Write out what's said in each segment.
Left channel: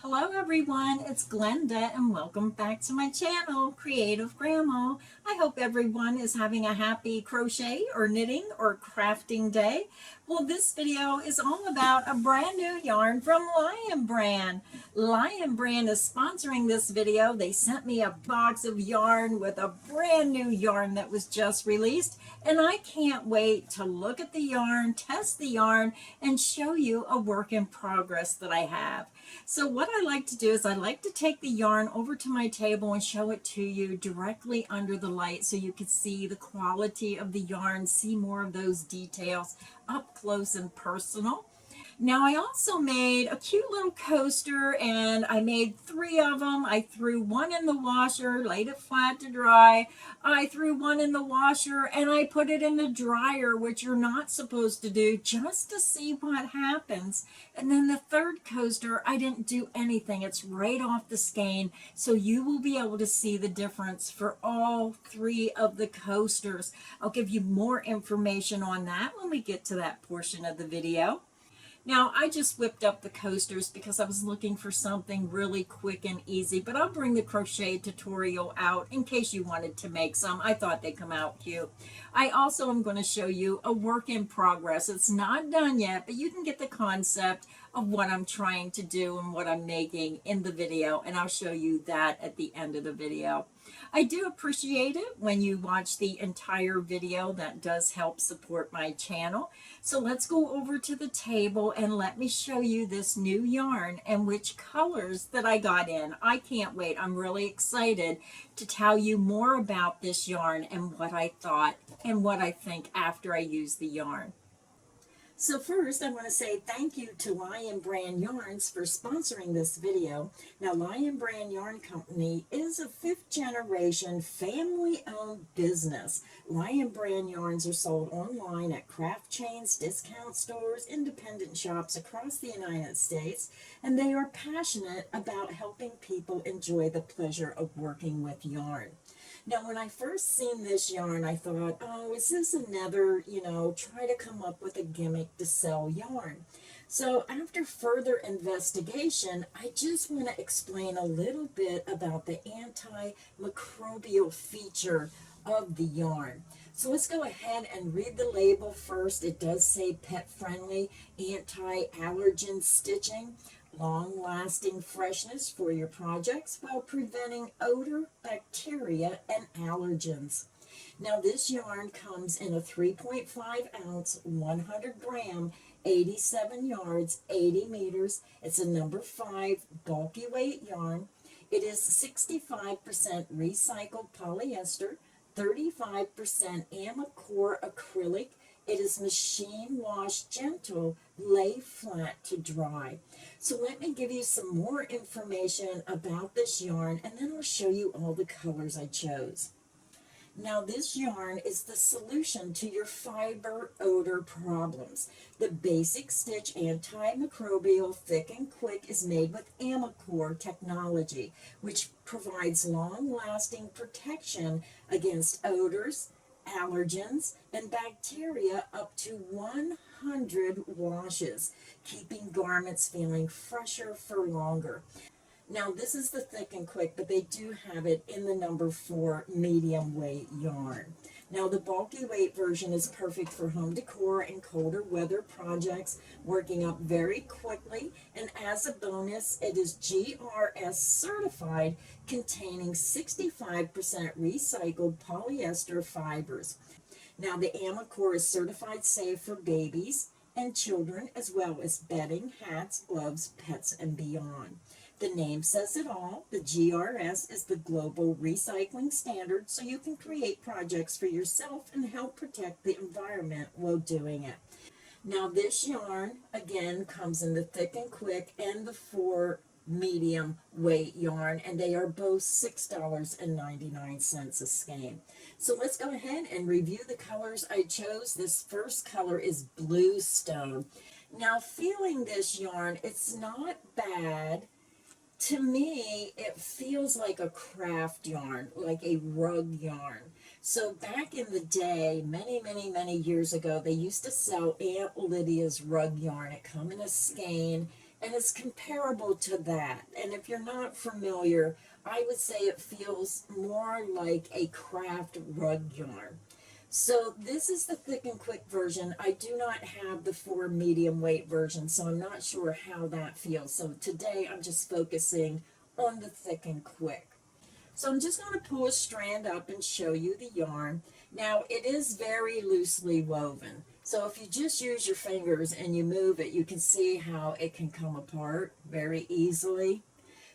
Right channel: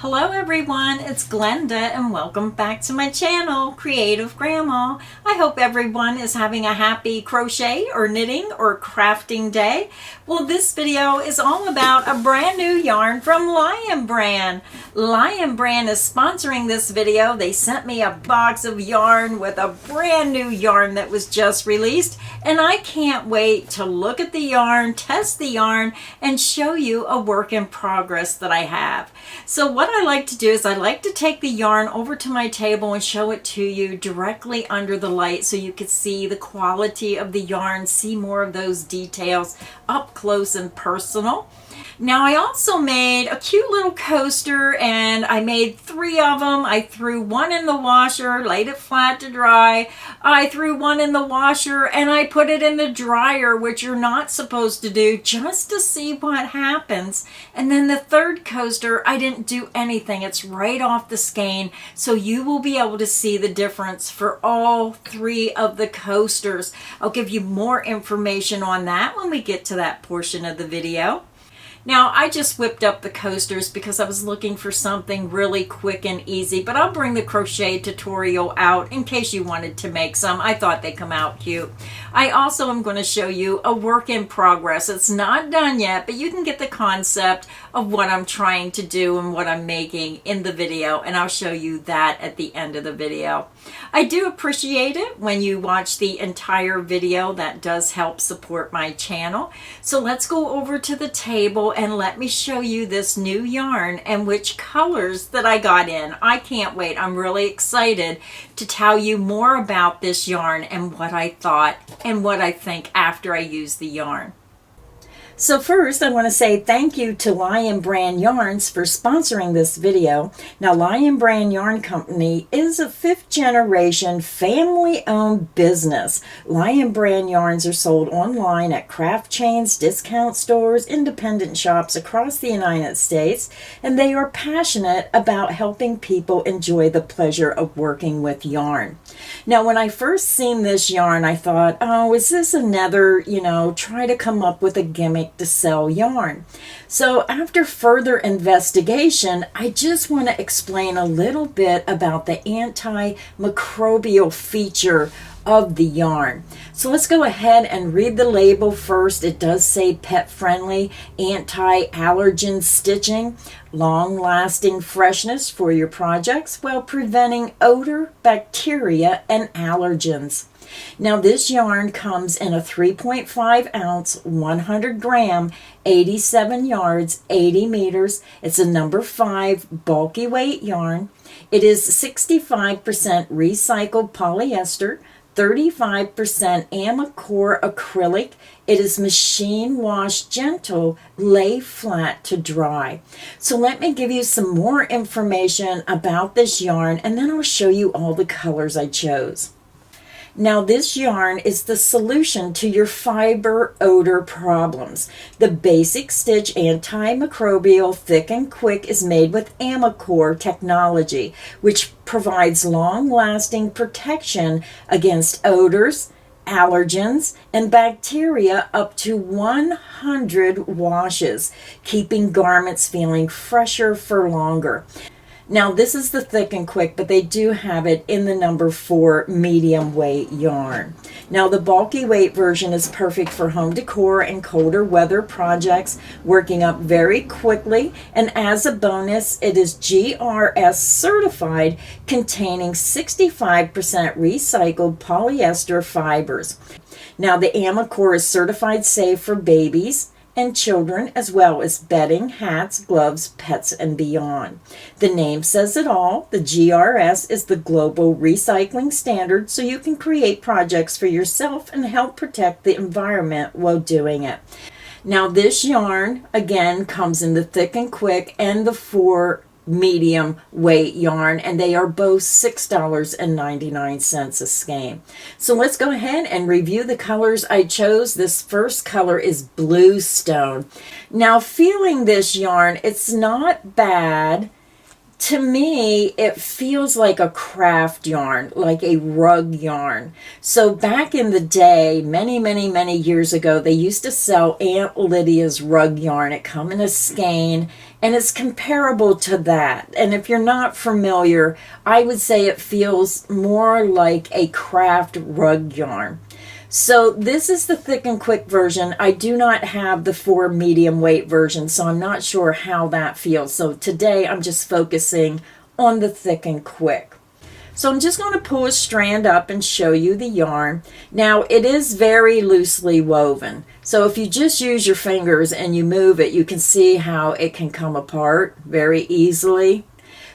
Hello everyone, it's Glenda and welcome back to my channel, Creative Grandma. I hope everyone is having a happy crochet or knitting or crafting day. Well, this video is all about a brand new yarn from Lionbrand. Lionbrand is sponsoring this video. They sent me a box of yarn with a brand new yarn that was just released, and I can't wait to look at the yarn, test the yarn, and show you a work in progress that I have. So what I like to do is I like to take the yarn over to my table and show it to you directly under the light so you can see the quality of the yarn, see more of those details up close and personal. Now I also made a cute little coaster, and I made 3 of them. I threw one in the washer, laid it flat to dry. I threw one in the washer and I put it in the dryer, which you're not supposed to do, just to see what happens. And then the third coaster, I didn't do anything. It's right off the skein, so you will be able to see the difference for all 3 of the coasters. I'll give you more information on that when we get to that portion of the video. Now, I just whipped up the coasters because I was looking for something really quick and easy, but I'll bring the crochet tutorial out in case you wanted to make some. I thought they come out cute. I also am going to show you a work in progress. It's not done yet, but you can get the concept of what I'm trying to do and what I'm making in the video, and I'll show you that at the end of the video. I do appreciate it when you watch the entire video. That does help support my channel. So let's go over to the table and let me show you this new yarn and which colors that I got in. I can't wait. I'm really excited to tell you more about this yarn and what I thought and what I think after I use the yarn. So first, I want to say thank you to Lionbrand Yarns for sponsoring this video. Now, Lionbrand Yarn Company is a 5th generation family-owned business. Lionbrand yarns are sold online at craft chains, discount stores, independent shops across the United States, and they are passionate about helping people enjoy the pleasure of working with yarn. Now, when I first seen this yarn, I thought, oh, is this another, try to come up with a gimmick to sell yarn? So after further investigation, I just want to explain a little bit about the antimicrobial feature of the yarn. So let's go ahead and read the label first. It does say pet friendly, anti-allergen stitching, long-lasting freshness for your projects while preventing odor, bacteria, and allergens. Now this yarn comes in a 3.5 ounce, 100 gram, 87 yards, 80 meters. It's a number 5 bulky weight yarn. It is 65% recycled polyester, 35% Amicor acrylic. It is machine wash gentle, lay flat to dry. So let me give you some more information about this yarn, and then I'll show you all the colors I chose. Now this yarn is the solution to your fiber odor problems. The basic stitch antimicrobial thick and quick is made with Amicor technology, which provides long-lasting protection against odors, allergens, and bacteria up to 100 washes, keeping garments feeling fresher for longer. Now this is the thick and quick, but they do have it in the number 4 medium weight yarn. Now the bulky weight version is perfect for home decor and colder weather projects, working up very quickly, and as a bonus, it is GRS certified, containing 65% recycled polyester fibers. Now the Amicor is certified safe for babies and children, as well as bedding, hats, gloves, pets, and beyond. The name says it all. The GRS is the global recycling standard, so you can create projects for yourself and help protect the environment while doing it. Now this yarn, again, comes in the thick and quick and the 4 medium weight yarn, and they are both $6.99 a skein. So let's go ahead and review the colors I chose. This first color is Bluestone. Now feeling this yarn, it's not bad. To me, it feels like a craft yarn, like a rug yarn. So back in the day, many years ago, they used to sell Aunt Lydia's rug yarn. It come in a skein, and it's comparable to that. And if you're not familiar, I would say it feels more like a craft rug yarn. So this is the thick and quick version. I do not have the 4 medium weight version, so I'm not sure how that feels. So today I'm just focusing on the thick and quick. So I'm just going to pull a strand up and show you the yarn. Now it is very loosely woven. So if you just use your fingers and you move it, you can see how it can come apart very easily.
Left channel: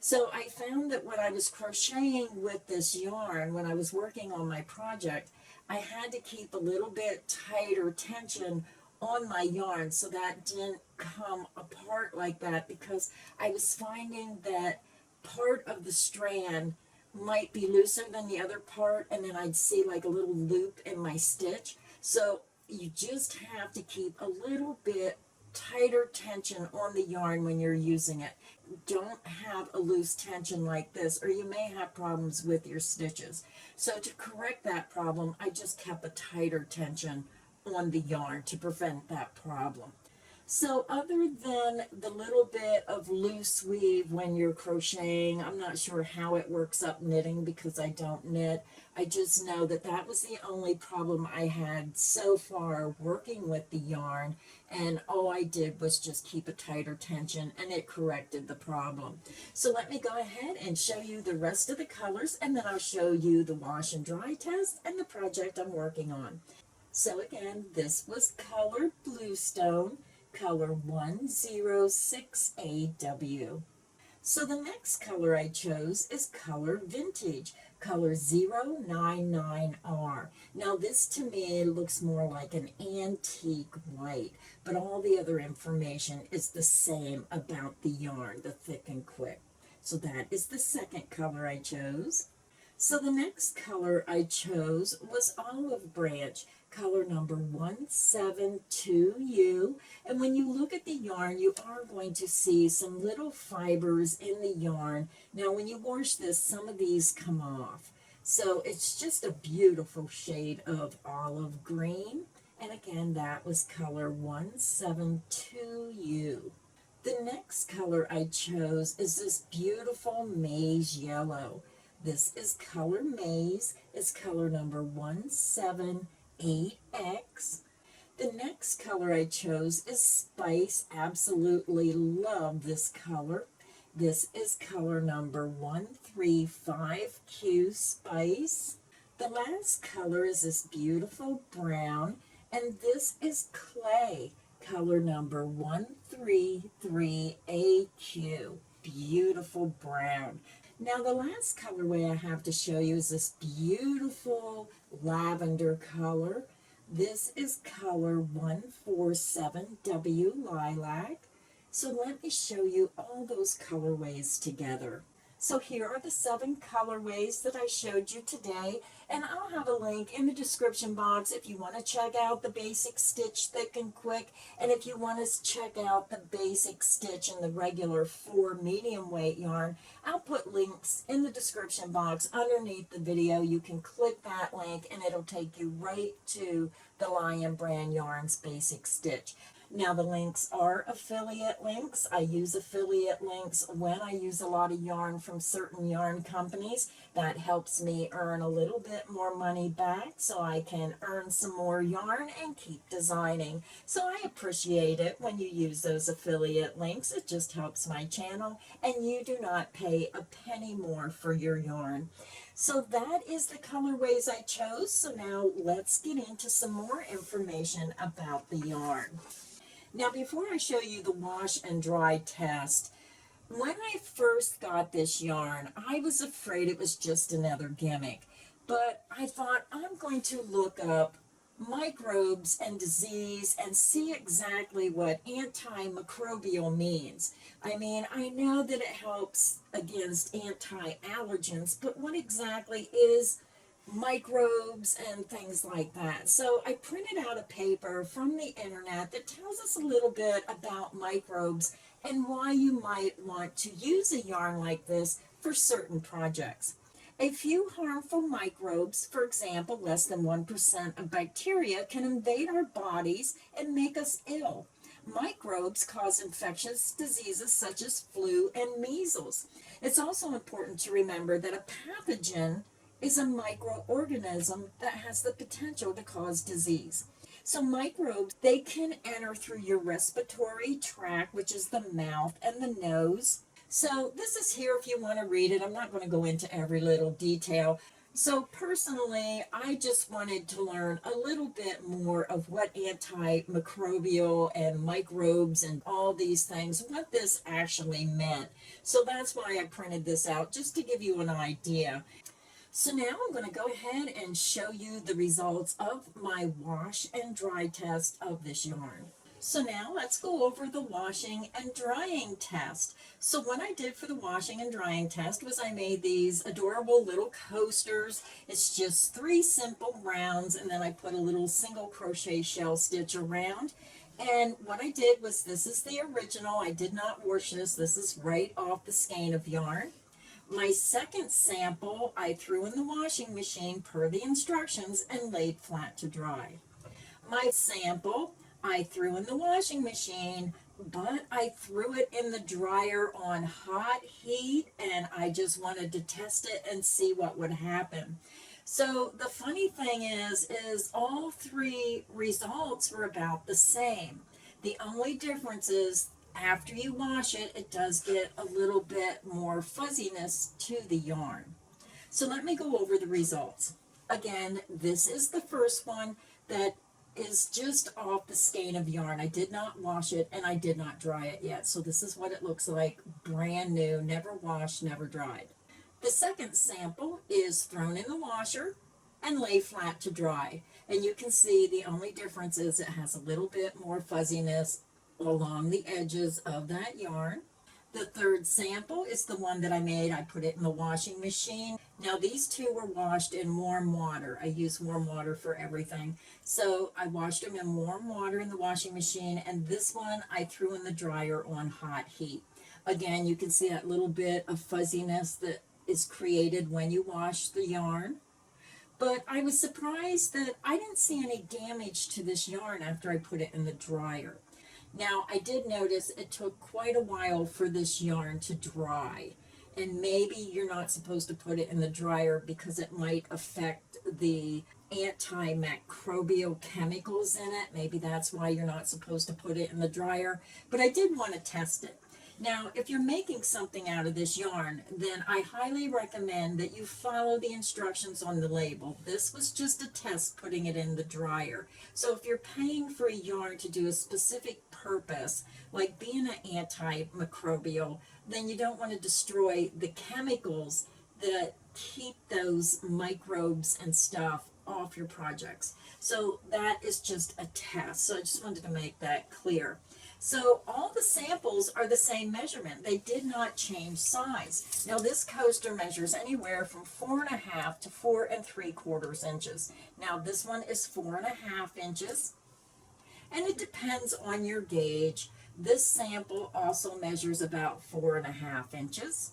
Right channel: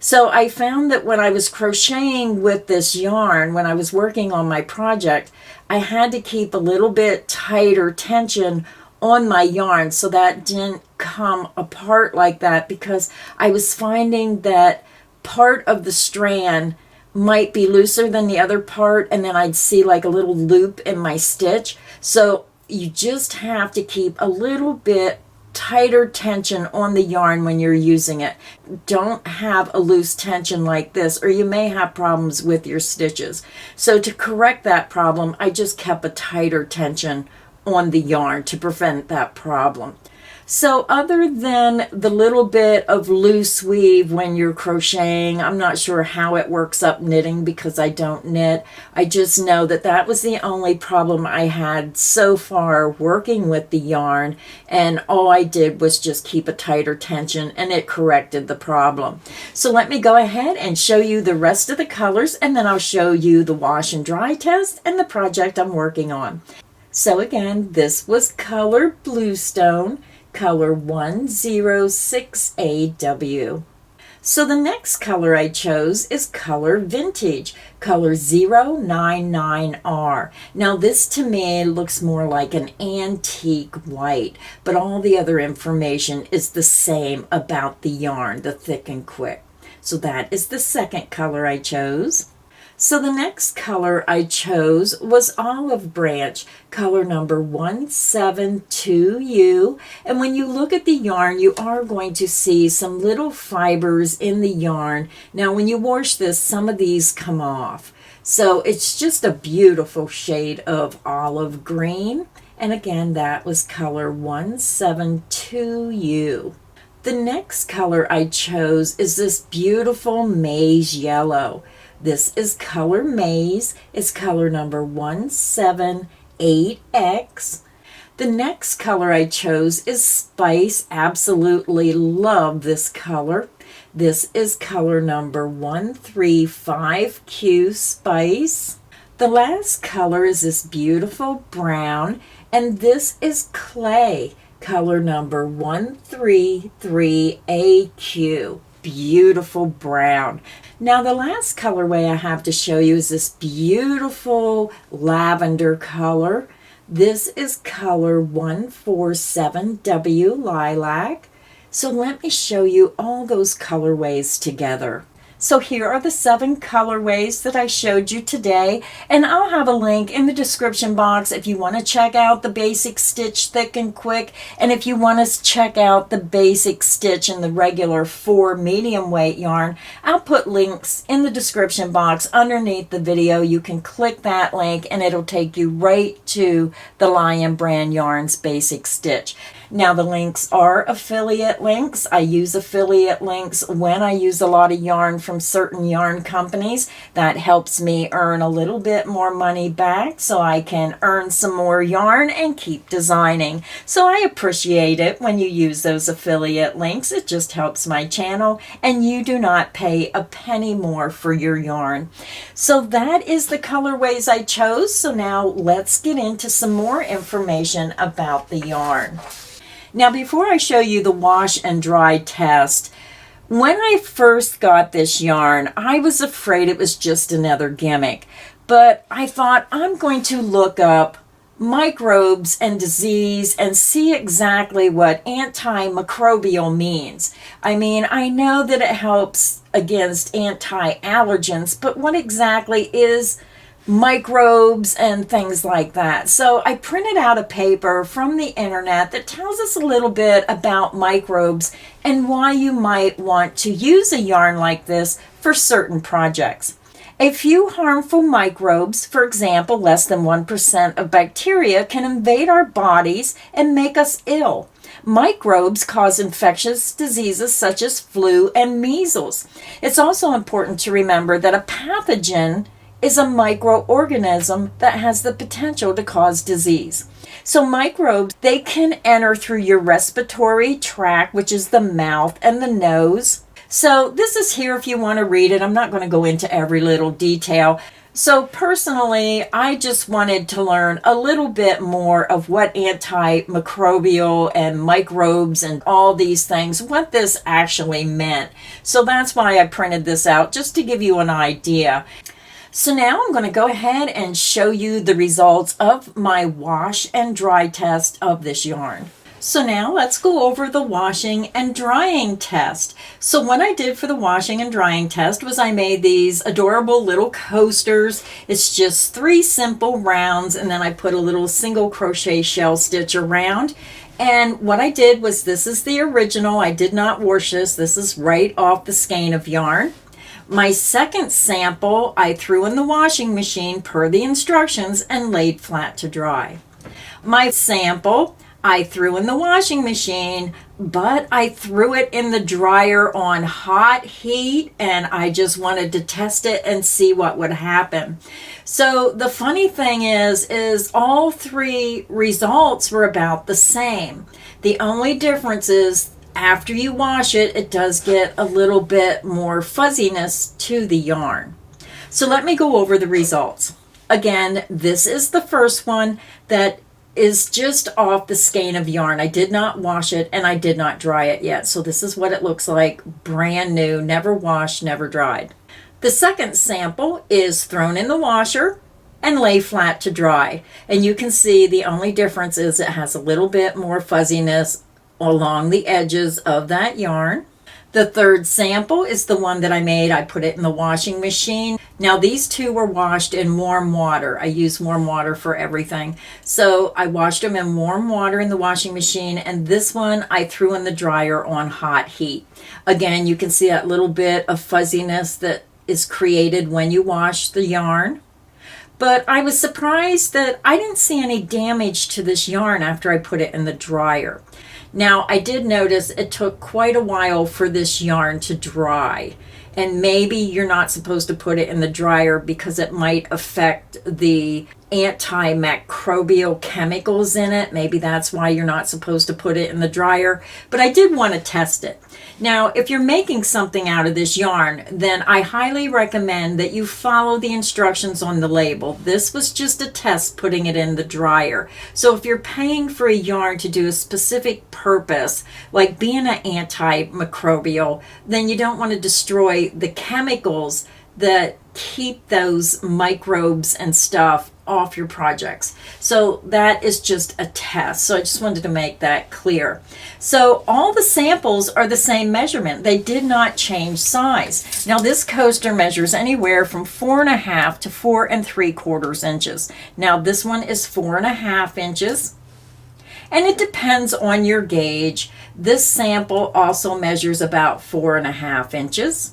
So I found that when I was crocheting with this yarn, when I was working on my project, I had to keep a little bit tighter tension on my yarn so that didn't come apart like that, because I was finding that part of the strand might be looser than the other part, and then I'd see like a little loop in my stitch. So you just have to keep a little bit tighter tension on the yarn when you're using it. Don't have a loose tension like this, or you may have problems with your stitches. So to correct that problem, I just kept a tighter tension on the yarn to prevent that problem. So other than the little bit of loose weave when you're crocheting, I'm not sure how it works up knitting because I don't knit. I just know that that was the only problem I had so far working with the yarn, and all I did was just keep a tighter tension and it corrected the problem. So let me go ahead and show you the rest of the colors, and then I'll show you the wash and dry test and the project I'm working on. So again, this was color Bluestone, color 106AW. So the next color I chose is color Vintage, color 099R. Now this to me looks more like an antique white, but all the other information is the same about the yarn, the thick and quick. So that is the second color I chose. So the next color I chose was Olive Branch, color number 172U. And when you look at the yarn, you are going to see some little fibers in the yarn. Now when you wash this, some of these come off. So it's just a beautiful shade of olive green. And again, that was color 172U. The next color I chose is this beautiful maize yellow. This is color Maize. It's color number 178X. The next color I chose is Spice. Absolutely love this color. This is color number 135Q Spice. The last color is this beautiful brown, and this is Clay, color number 133AQ. Beautiful brown. Now the last colorway I have to show you is this beautiful lavender color. This is color 147W Lilac. So let me show you all those colorways together. So here are the 7 colorways that I showed you today, and I'll have a link in the description box if you want to check out the basic stitch thick and quick, and if you want to check out the basic stitch in the regular 4 medium weight yarn. I'll put links in the description box underneath the video. You can click that link and it'll take you right to the Lion Brand Yarns basic stitch. Now the links are affiliate links. I use affiliate links when I use a lot of yarn from certain yarn companies. That helps me earn a little bit more money back so I can earn some more yarn and keep designing. So I appreciate it when you use those affiliate links. It just helps my channel, and you do not pay a penny more for your yarn. So that is the colorways I chose. So now let's get into some more information about the yarn. Now before I show you the wash and dry test, when I first got this yarn, I was afraid it was just another gimmick. But I thought I'm going to look up microbes and disease and see exactly what antimicrobial means. I mean, I know that it helps against anti-allergens, but what exactly is microbes and things like that? So I printed out a paper from the internet that tells us a little bit about microbes and why you might want to use a yarn like this for certain projects. A few harmful microbes, for example, less than 1% of bacteria, can invade our bodies and make us ill. Microbes cause infectious diseases such as flu and measles. It's also important to remember that a pathogen is a microorganism that has the potential to cause disease. So microbes, they can enter through your respiratory tract, which is the mouth and the nose. So this is here if you want to read it. I'm not going to go into every little detail. So personally, I just wanted to learn a little bit more of what antimicrobial and microbes and all these things, what this actually meant. So that's why I printed this out, just to give you an idea. So now I'm going to go ahead and show you the results of my wash and dry test of this yarn. So now let's go over the washing and drying test. So what I did for the washing and drying test was I made these adorable little coasters. It's just 3 simple rounds, and then I put a little single crochet shell stitch around. And what I did was, this is the original. I did not wash this. This is right off the skein of yarn. My second sample I threw in the washing machine per the instructions and laid flat to dry. My sample I threw in the washing machine, but I threw it in the dryer on hot heat, and I just wanted to test it and see what would happen. So the funny thing is all 3 results were about the same. The only difference is after you wash it, it does get a little bit more fuzziness to the yarn. So let me go over the results. Again, this is the first one that is just off the skein of yarn. I did not wash it and I did not dry it yet. So this is what it looks like, brand new, never washed, never dried. The second sample is thrown in the washer and lay flat to dry. And you can see the only difference is it has a little bit more fuzziness along the edges of that yarn. The third sample is the one that I made. I put it in the washing machine. Now these 2 were washed in warm water. I use warm water for everything. So I washed them in warm water in the washing machine, and this one I threw in the dryer on hot heat. Again, you can see that little bit of fuzziness that is created when you wash the yarn. But I was surprised that I didn't see any damage to this yarn after I put it in the dryer. Now, I did notice it took quite a while for this yarn to dry, and maybe you're not supposed to put it in the dryer because it might affect the antimicrobial chemicals in it. Maybe that's why you're not supposed to put it in the dryer, but I did want to test it. Now, if you're making something out of this yarn, then I highly recommend that you follow the instructions on the label. This was just a test putting it in the dryer. So if you're paying for a yarn to do a specific purpose, like being an antimicrobial, then you don't want to destroy the chemicals that keep those microbes and stuff off your projects. So that is just a test. So I just wanted to make that clear. So all the samples are the same measurement. They did not change size. Now this coaster measures anywhere from 4.5 to 4 3/4 inches. Now this one is 4.5 inches. And it depends on your gauge. This sample also measures about 4.5 inches.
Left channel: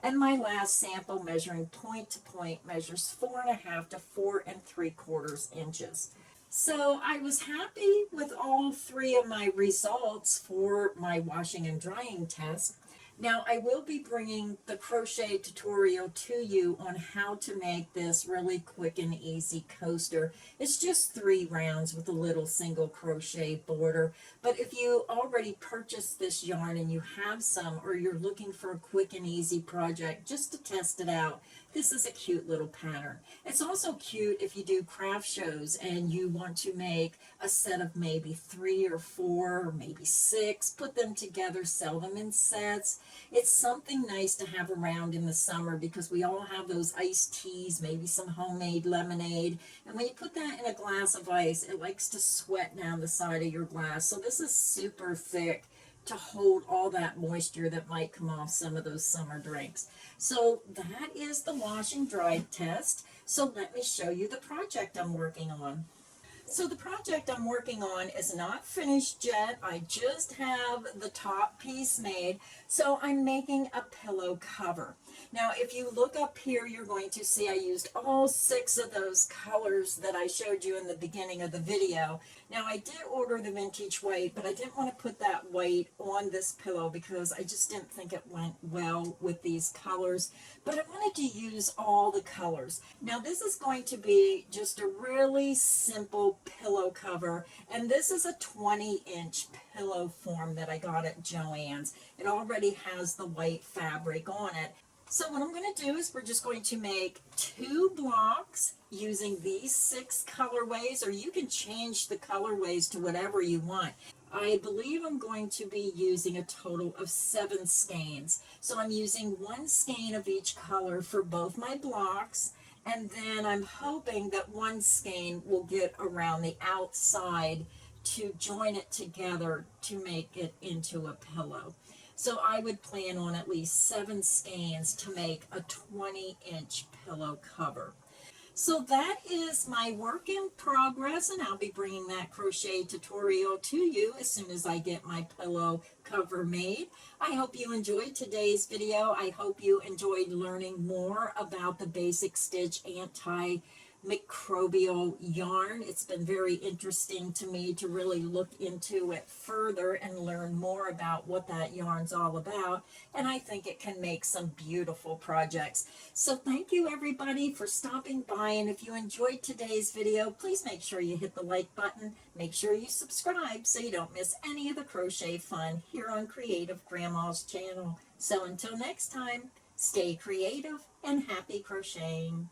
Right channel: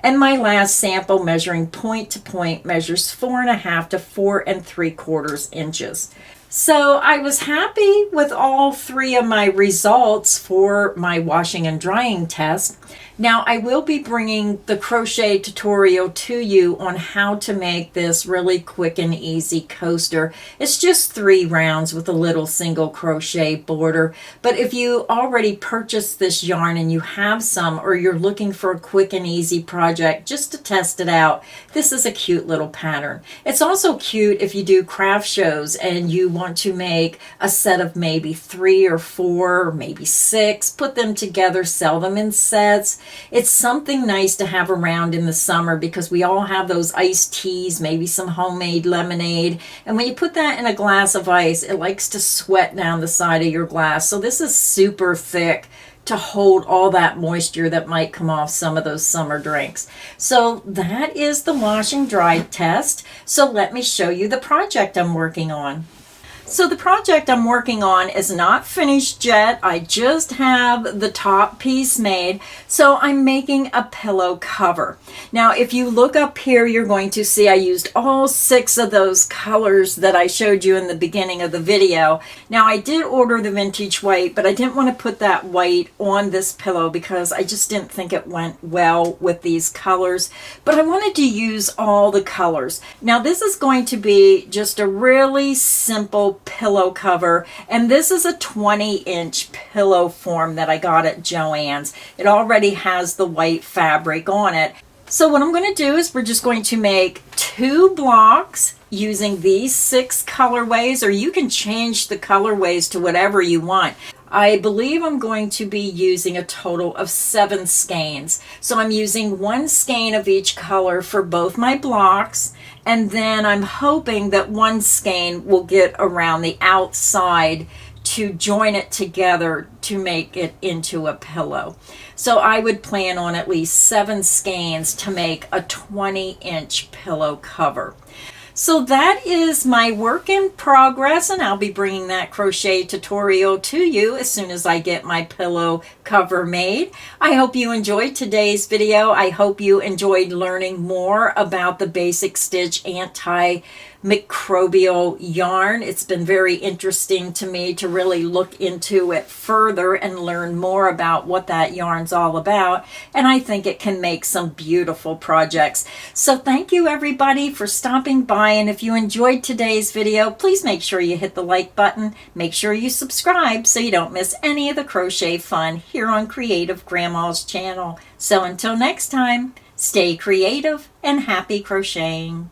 And my last sample, measuring point to point, measures 4.5 to 4 3/4 inches. So I was happy with all 3 of my results for my washing and drying test. Now I will be bringing the crochet tutorial to you on how to make this really quick and easy coaster. It's just 3 rounds with a little single crochet border. But if you already purchased this yarn and you have some, or you're looking for a quick and easy project just to test it out, this is a cute little pattern. It's also cute if you do craft shows and you want to make a set of maybe 3 or 4 or maybe 6, put them together, sell them in sets. It's something nice to have around in the summer because we all have those iced teas, maybe some homemade lemonade. And when you put that in a glass of ice, it likes to sweat down the side of your glass. So this is super thick to hold all that moisture that might come off some of those summer drinks. So that is the wash and dry test. So let me show you the project I'm working on. So the project I'm working on is not finished yet. I just have the top piece made. So I'm making a pillow cover. Now, if you look up here, you're going to see I used all 6 of those colors that I showed you in the beginning of the video. Now, I did order the vintage white, but I didn't want to put that white on this pillow because I just didn't think it went well with these colors. But I wanted to use all the colors. Now, this is going to be just a really simple pillow cover, and this is a 20-inch pillow form that I got at Joann's. It already has the white fabric on it. So what I'm going to do is we're just going to make 2 blocks using these 6 colorways, or you can change the colorways to whatever you want. I believe I'm going to be using a total of 7 skeins. So I'm using 1 skein of each color for both my blocks, and then I'm hoping that 1 skein will get around the outside to join it together to make it into a pillow. So I would plan on at least 7 skeins to make a 20-inch pillow cover. So that is my work in progress, and I'll be bringing that crochet tutorial to you as soon as I get my pillow cover made. I hope you enjoyed today's video. I hope you enjoyed learning more about the Basic Stitch Anti-Microbial yarn. It's been very interesting to me to really look into it further and learn more about what that yarn's all about, and I think it can make some beautiful projects. So thank you everybody for stopping by, and if you enjoyed today's video, please make sure you hit the like button. Make sure you subscribe so you don't miss any of the crochet fun here on Creative Grandma's channel. So until next time, stay creative and happy crocheting.